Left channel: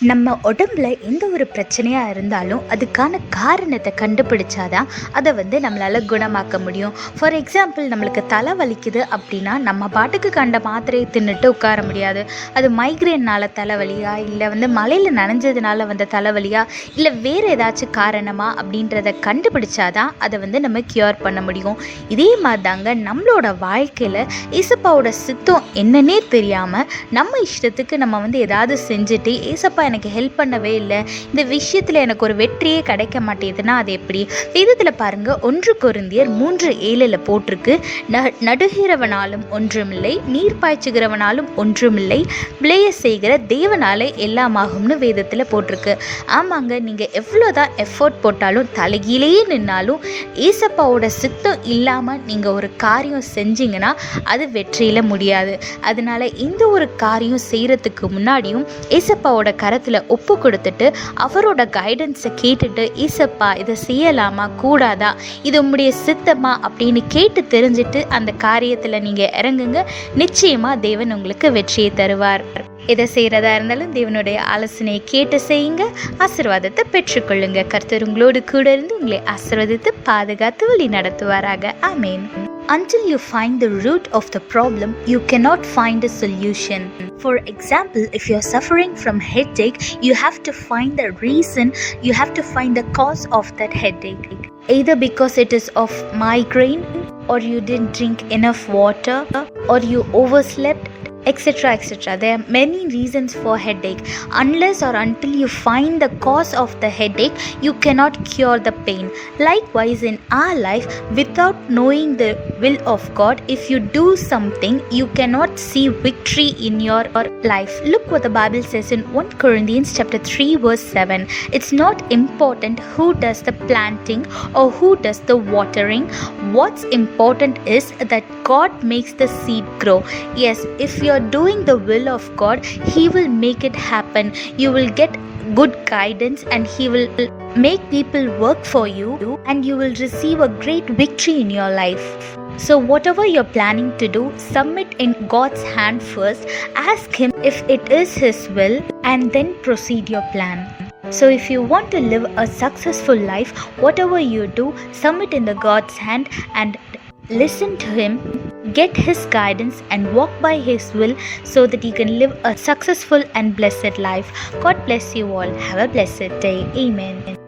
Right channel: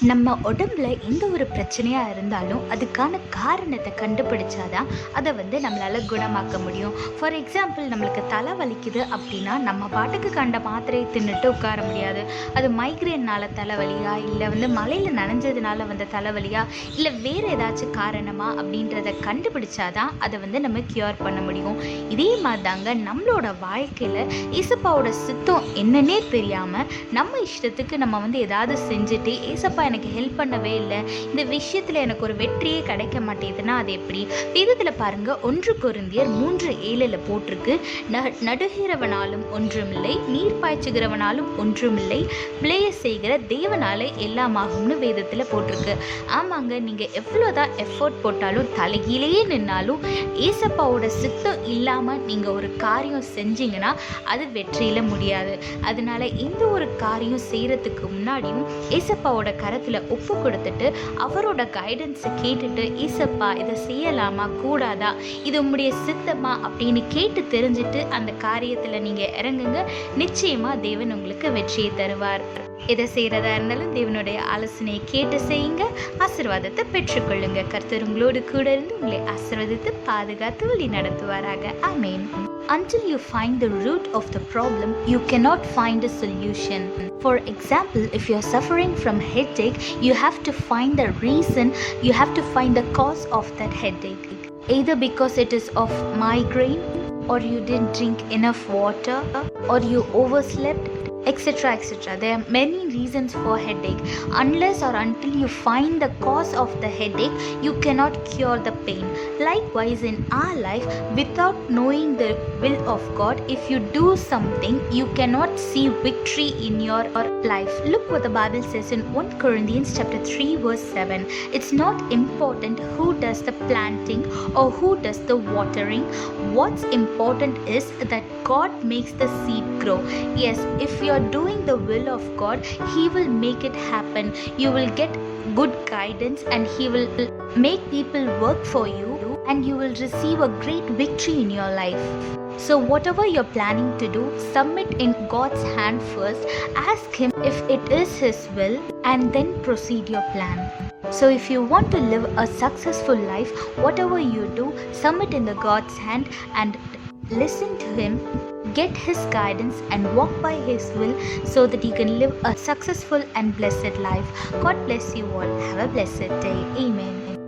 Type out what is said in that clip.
நம்ம உடம்புல எந்த ஒரு பிரச்சனையாக இருந்தாலும் அதுக்கான காரணத்தை கண்டுபிடிச்சாதான் அதை நம்மளால் குணமாக்க முடியும். ஃபார் எக்ஸாம்பிள், நம்மளுக்கு தலை வலிக்குது அப்படின்னா நம்ம பாட்டுக்கு கண்ட மாத்திரையை தின்னுட்டு உட்கார முடியாது. அது மைக்ரேனால் தலைவலியா, இல்லை மழையில் நனைஞ்சதுனால வந்த தலைவலியா, இல்லை வேறு ஏதாச்சும் காரணமா அப்படின்றத கண்டுபிடிச்சாதான் அதை நம்ம க்யூர் பண்ண முடியும். இதே மாதிரி தாங்க நம்மளோட வாழ்க்கையில் ஏசப்பாவோட சித்தம் என்னன்னே தெரியாமல் நம்ம இஷ்டத்துக்கு நம்ம ஏதாவது செஞ்சுட்டு, ஏசப்பா எனக்கு ஹெல்ப் பண்ணவே இல்லை, இந்த விஷயத்தில் எனக்கு ஒரு வெற்றியே கிடைக்க மாட்டேதுன்னா அது எப்படி? வேதத்தில் பாருங்க, 1 கொரிந்தியர் 3:7 போட்டிருக்கு, நடுகிறவனாலும் ஒன்றுமில்லை, நீர் பாய்ச்சுகிறவனாலும் ஒன்றுமில்லை, விளைய செய்கிற தேவனாலே எல்லாமாகும்னு வேதத்தில் போட்டிருக்கு. ஆமாங்க, நீங்கள் எவ்வளோதான் எஃபோர்ட் போட்டாலும், தலைகீழேயே நின்னாலும், ஏசப்பாவோட சித்தம் இல்லாமல் நீங்கள் ஒரு காரியம் செஞ்சீங்கன்னா அது வெற்றியில் முடியாது. அதனால இந்த ஒரு காரியம் செய்கிறதுக்கு முன்னாடியும் ஏசப்பாவோட கரத்தில் ஒப்பு கொடுத்துட்டு அவரோட கைடன்ஸை கேட்டுட்டு, ஏசப்பா இதை செய்யலாமா கூடாதா, இது உம்முடைய சித்தமா அப்படின்னு கேட்டு தெரிஞ்சுட்டு அந்த காரியத்தில் நீங்கள் இறங்குங்க. நிச்சயமாக தேவன் உங்களுக்கு வெற்றியை தருவார். எதை செய்கிறதா இருந்தாலும் தேவனுடைய ஆலோசனையை கேட்டு செய்யுங்க, ஆசீர்வாதத்தை பெற்றுக்கொள்ளுங்க. கர்த்தர் உங்களோடு கூட இருந்து உங்களை ஆசீர்வதித்து பாதுகாத்து வழி நடத்துவாராக. ஆமென். Until you find the root of the problem, you cannot find a solution. For example, if you are suffering from headache, you have to find the reason, you have to find the cause of that headache. Either because it is of migraine, or you didn't drink enough water, or you overslept, etc. etc. There are many reasons for headache. Unless or until you find the cause of the headache, you cannot cure the pain. Likewise, in our life, without knowing the will of God, if you do something, you cannot see victory in your life. Look what the Bible says in 1 Corinthians chapter 3 verse 7. It's not important who does the planting or who does the watering. What's important is that God makes the seed grow. Yes, if you are doing the will of God, He will make it happen. You will get good guidance and He will make people work for you, and you will receive a great victory in your life. So whatever you're planning to do, submit in God's hand first. Ask Him if it is His will, and then proceed your plan. So if you want to live a successful life, whatever you do, submit in the God's hand and listen to Him, get His guidance and walk by His will, so that you can live a successful and blessed life. God bless you all. Have a blessed day. Amen.